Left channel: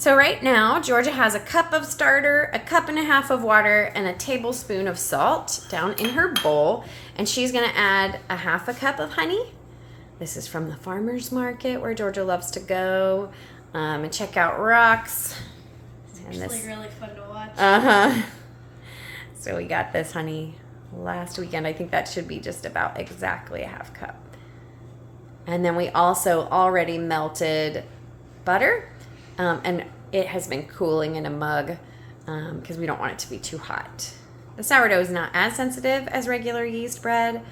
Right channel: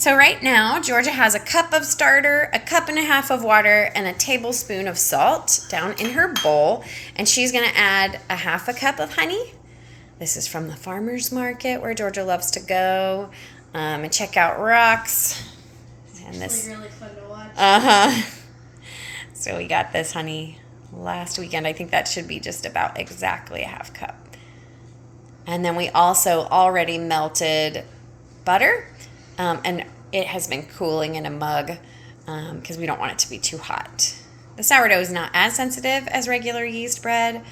So right now, Georgia has a cup of starter, a cup and a half of water, and a tablespoon of salt down in her bowl. And she's going to add a half a cup of honey. This is from the farmer's market where Georgia loves to go and check out rocks. And it's really fun to watch. Uh-huh. So we got this honey last weekend. I think that should be just about exactly a half cup. And then we also already melted butter. And it has been cooling in a mug because we don't want it to be too hot. The sourdough is not as sensitive as regular yeast bread,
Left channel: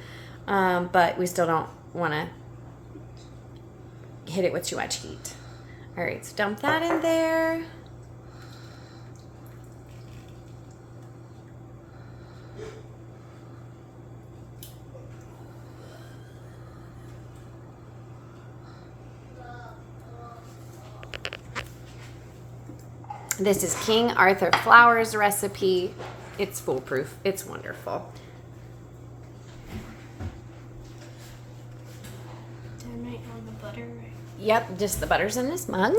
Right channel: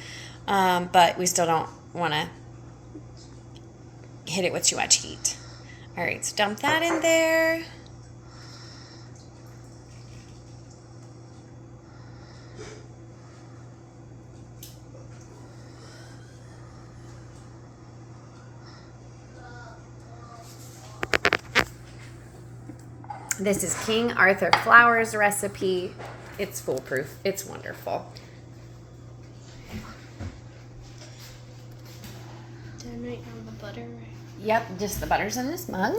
but we still don't want to hit it with too much heat. All right, so dump that in there. This is King Arthur Flour's recipe. It's foolproof. It's wonderful. Then I have the butter. Yep, just the butter's in this mug.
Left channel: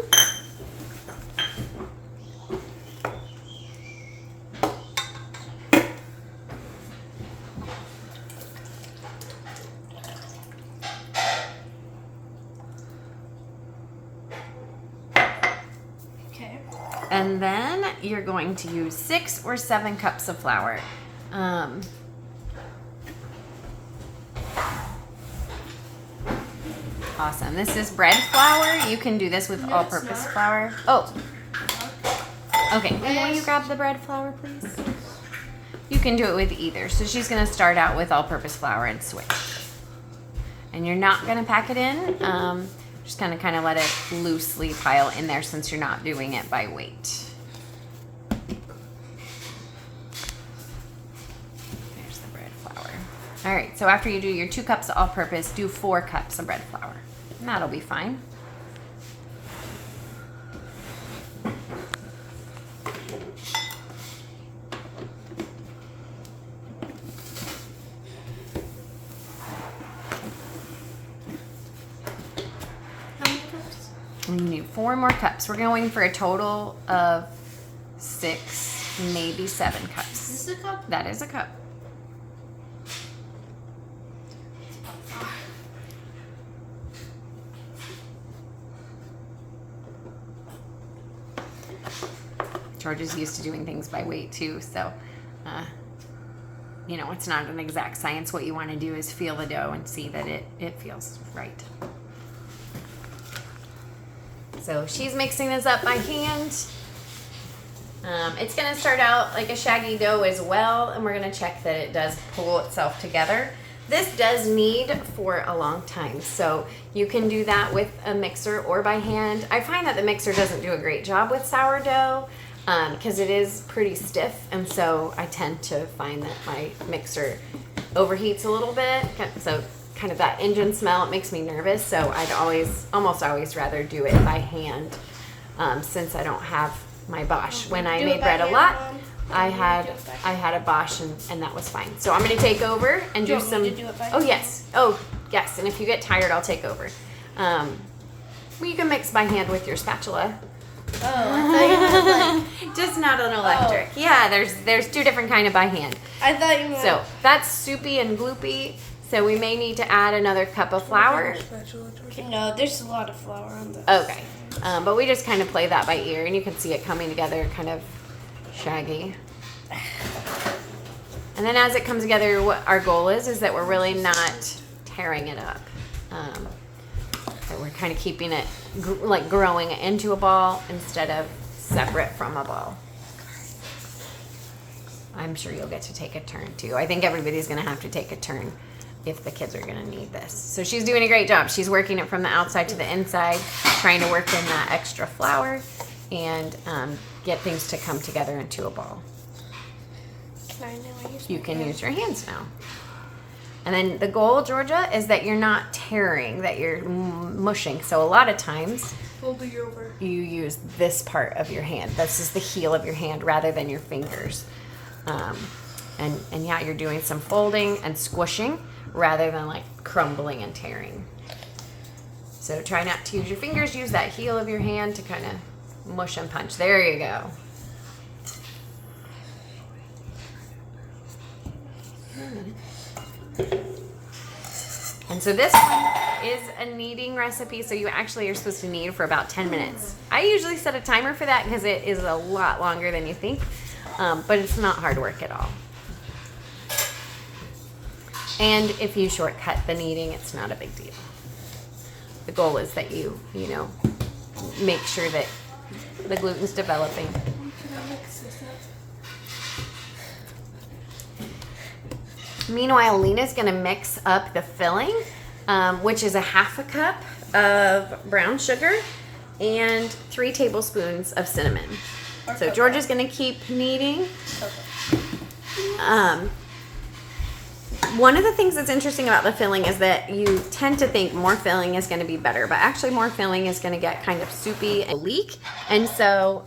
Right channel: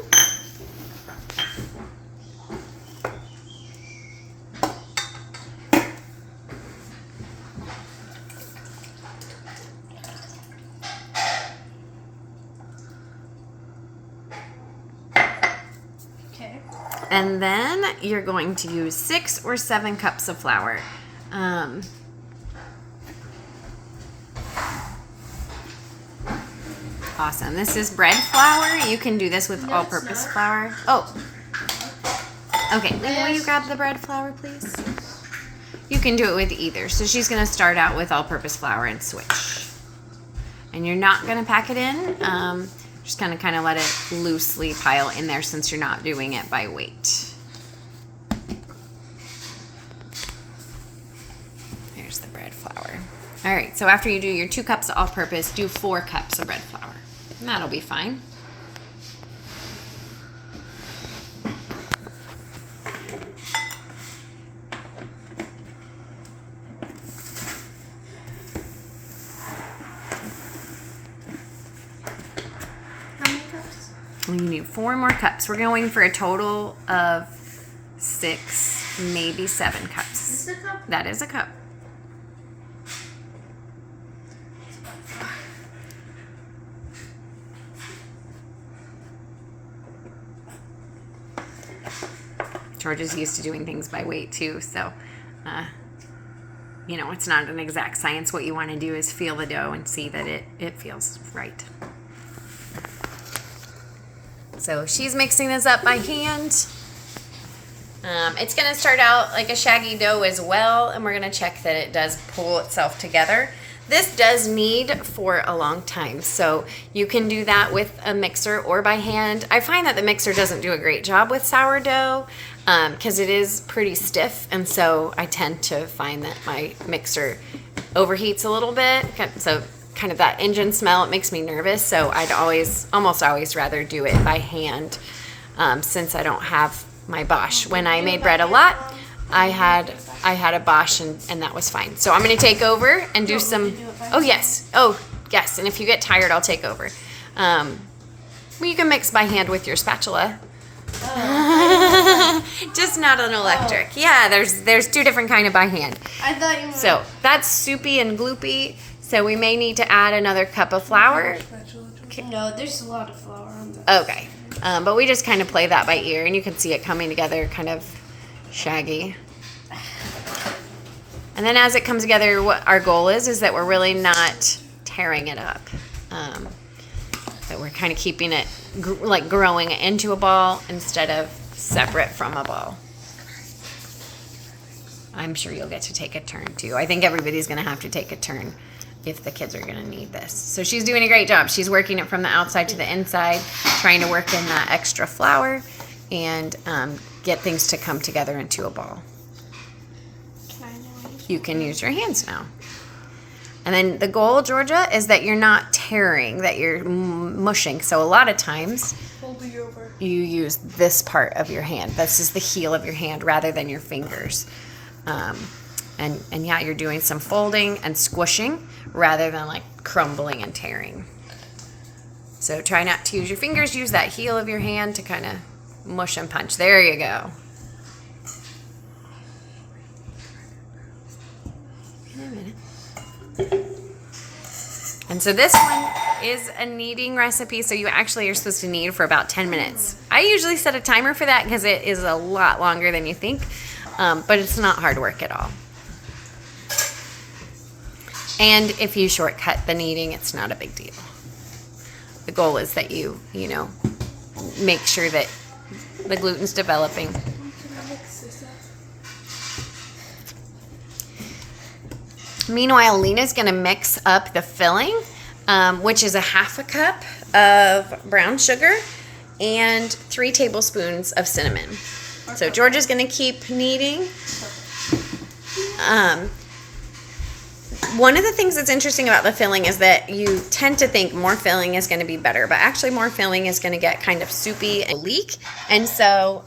And then you're going to use 6 or 7 cups of flour. Awesome. This is bread flour. You can do this with all-purpose flour. Oh. Okay. Lena, will you grab the bread flour, please? You can do it with either. So she's going to start out with all-purpose flour and switch. And you're not going to pack it in. Just kind of let it loosely pile in there since you're not doing it by weight. There's the bread flour. All right, so after you do your 2 cups of all-purpose, do 4 cups of bread flour. And that'll be fine. You need 4 more cups. We're going for a total of 6, maybe 7 cups. Is this a cup? That is a cup. George is used to doing things by weight too, so you know, it's not an exact science. What you want to do is feel the dough and see that it feels right. So she's mixing this up by hand. It's going to start out like a shaggy dough as well, and we're going to check that it does pull itself together. This does knead for a long time, so you can do that with a mixer or by hand. I find that the mixer doesn't do a great job with sourdough because it is pretty stiff, and so I tend to find that my mixer overheats a little bit. So kind of that engine smell, it makes me nervous, so I'd almost always rather do it by hand since I don't have my Bosch. When I made bread a lot, I had a Bosch and that was fine. So I'm going to take over and do some. Oh yes, and if you get tired, I'll take over. Well, you can mix by hand with your spatula. Just not an electric. Yeah, there's 2 different kind of by hand. I thought you meant. So that's soupy and gloopy. So we may need to add another cup of flour. No, there's a lot of flour on that. Okay. But we just kind of play that by ear, and you can see it coming together kind of shaggy. And then as it comes together, what our goal is that we're really not tearing it up. That we're kind of keeping it growing into a ball instead of separate from a ball. I'm sure you'll get to take a turn too. I think everybody's going to have to take a turn if the kids are going to need this. So she's doing a great job. She's working it from the outside to the inside, trying to work in that extra flour and get things to come together into a ball. You can use your hands now. And then the goal, Georgia, is that you're not tearing, that you're mushing. So a lot of times you use this part of your hand. This is the heel of your hand rather than your fingers. And yeah, you're doing some folding and squishing rather than like crumbling and tearing. So try not to use your fingers. Use that heel of your hand to kind of mush and punch. There you go. And so this one is a kneading recipe, so you actually are supposed to knead for about 10 minutes. I usually set a timer for that because it is a lot longer than you think, but it's not hard work at all. And if you shortcut the kneading, it's not a big deal. The goal is that you make sure that the gluten's developing. Meanwhile, Lena's going to mix up the filling, which is a 1/2 cup of brown sugar and 3 tablespoons of cinnamon. So Georgia's going to keep kneading. One of the things that's interesting about the filling is that you tend to think more filling is going to be better, but actually more filling is going to get kind of soupy and leak. And so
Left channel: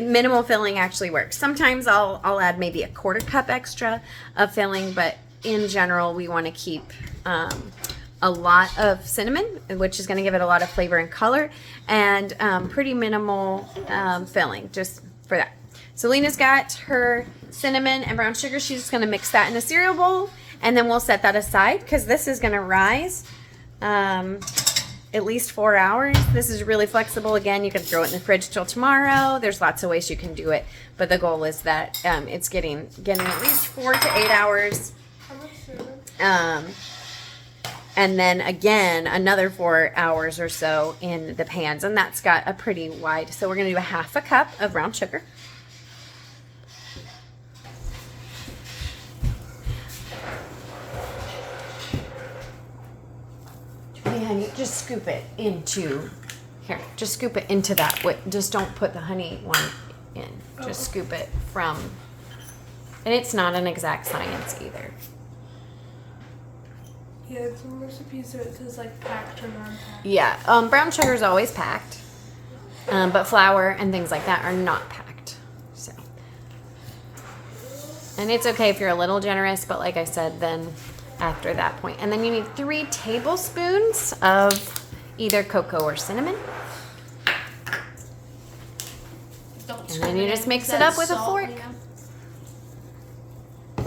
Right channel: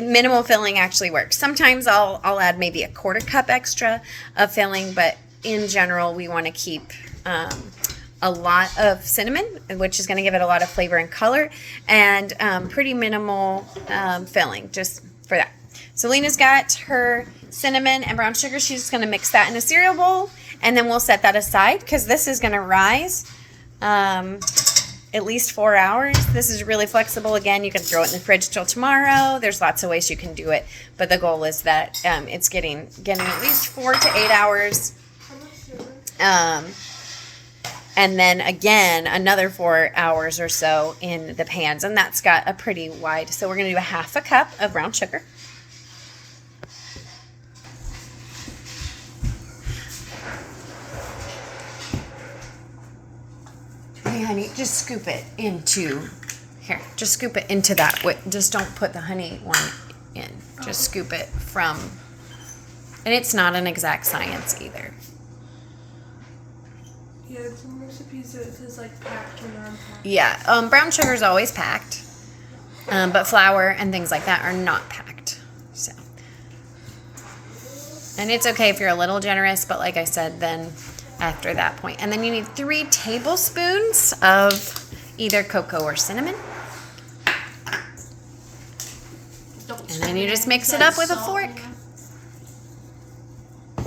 minimal filling actually works. Sometimes I'll add maybe a 1/4 cup extra of filling, but in general we want to keep a lot of cinnamon, which is going to give it a lot of flavor and color, and pretty minimal filling just for that. So Lena's got her cinnamon and brown sugar. She's just going to mix that in a cereal bowl, and then we'll set that aside because this is going to rise at least 4 hours. This is really flexible. Again, you can throw it in the fridge till tomorrow. There's lots of ways you can do it, but the goal is that it's getting at least 4 to 8 hours. And then again, another 4 hours or so in the pans, and that's got a pretty wide. So we're going to do a 1/2 cup of brown sugar. Hey, honey, just scoop it into here. Just scoop it into that. Just don't put the honey one in. Just scoop it from, and it's not an exact science either. Yeah, some recipes it says like packed or non-packed. Yeah, brown sugar is always packed, but flour and things like that are not packed. So, and it's okay if you're a little generous, but like I said, then after that point, and then you need 3 tablespoons of either cocoa or cinnamon, and then you just mix it up with a fork.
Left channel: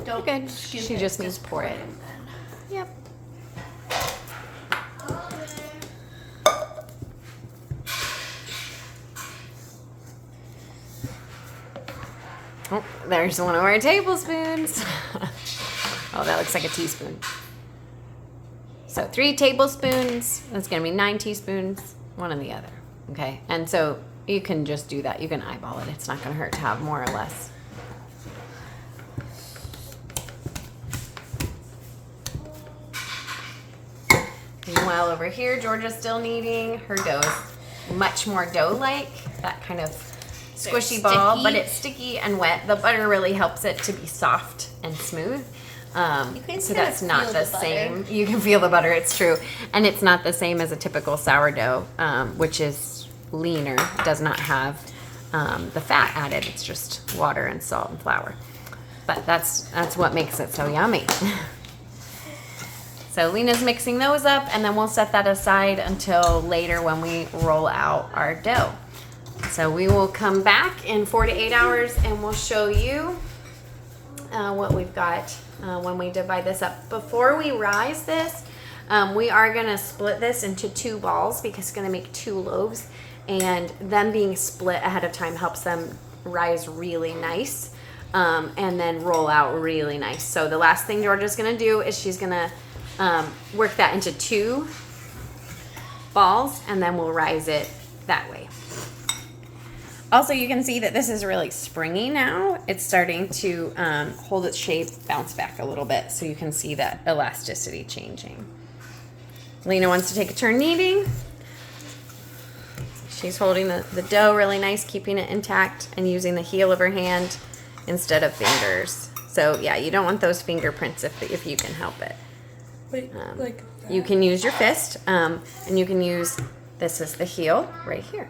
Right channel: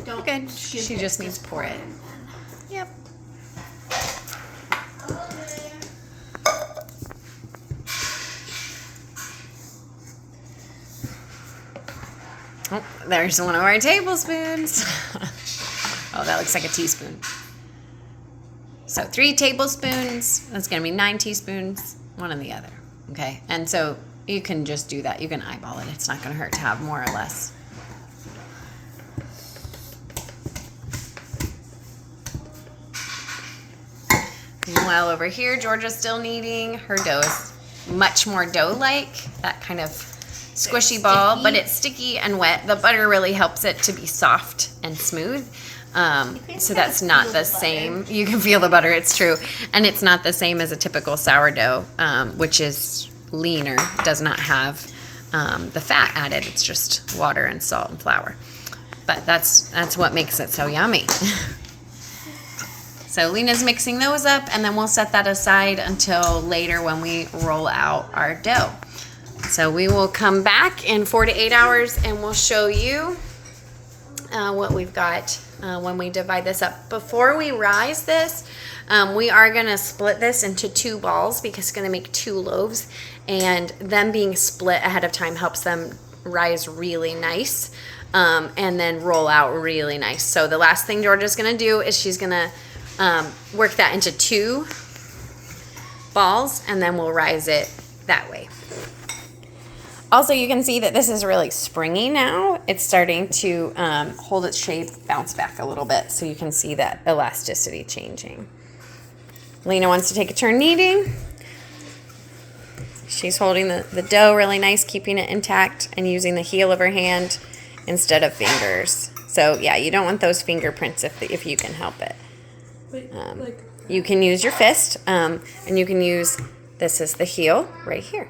You're good. She just needs to pour it. Yep. Oh, there's one of our tablespoons. Oh, that looks like a teaspoon. So 3 tablespoons. That's going to be 9 teaspoons. One and the other. Okay. And so you can just do that. You can eyeball it. It's not going to hurt to have more or less. Meanwhile, over here, Georgia's still kneading. Her dough is much more dough-like. That kind of squishy ball, but it's sticky and wet. The butter really helps it to be soft and smooth. So that's not the same. You can feel the butter, it's true. And it's not the same as a typical sourdough, which is leaner. It does not have the fat added. It's just water and salt and flour. But that's what makes it so yummy. So Lena's mixing those up, and then we'll set that aside until later when we roll out our dough. So we will come back in 4 to 8 hours, and we'll show you what we've got when we divide this up. Before we rise this, we are going to split this into 2 balls because it's going to make 2 loaves, and them being split ahead of time helps them rise really nice and then roll out really nice. So the last thing Georgia's going to do is she's going to work that into 2 balls, and then we'll rise it that way. Also, you can see that this is really springy now. It's starting to hold its shape, bounce back a little bit, so you can see that elasticity changing. Lena wants to take a turn kneading. She's holding the dough really nice, keeping it intact, and using the heel of her hand instead of fingers. So yeah, you don't want those fingerprints if you can help it. You can use your fist, and you can use, this is the heel right here.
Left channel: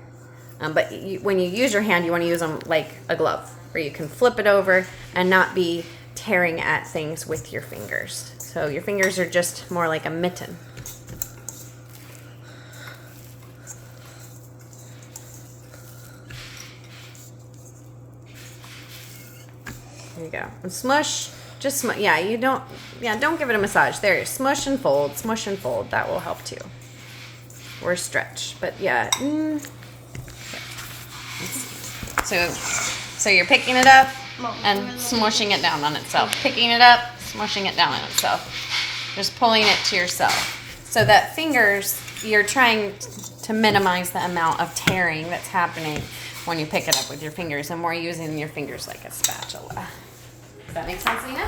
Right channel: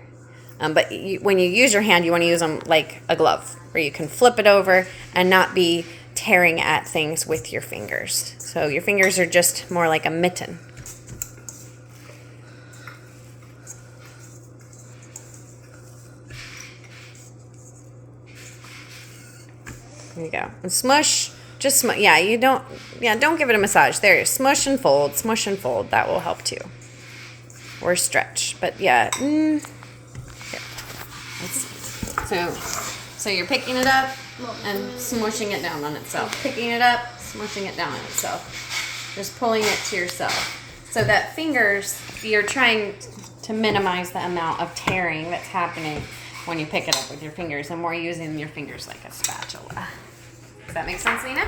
But when you use your hand, you want to use them like a glove, where you can flip it over and not be tearing at things with your fingers. So your fingers are just more like a mitten. There you go. And smush. Just yeah, don't give it a massage. There, smush and fold. That will help too. Or stretch. But yeah. Okay. So you're picking it up and smushing it down on itself. Picking it up, smushing it down on itself. Just pulling it to yourself. So that fingers, you're trying to minimize the amount of tearing that's happening when you pick it up with your fingers, and more using your fingers like a spatula. Does that make sense, Lena?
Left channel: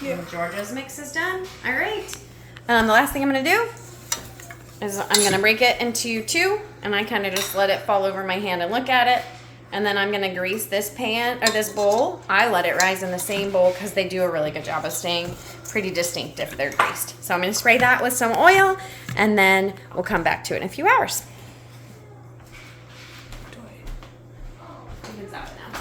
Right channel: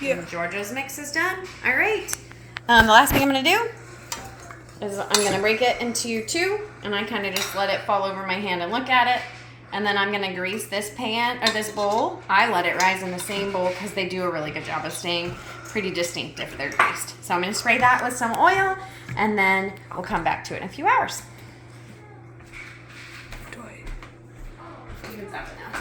Yeah. Georgia's mix is done. All right. The last thing I'm going to do is I'm going to break it into two, and I kind of just let it fall over my hand and look at it. And then I'm going to grease this pan or this bowl. I let it rise in the same bowl because they do a really good job of staying pretty distinct if they're greased. So I'm going to spray that with some oil, and then we'll come back to it in a few hours. You can stop it now.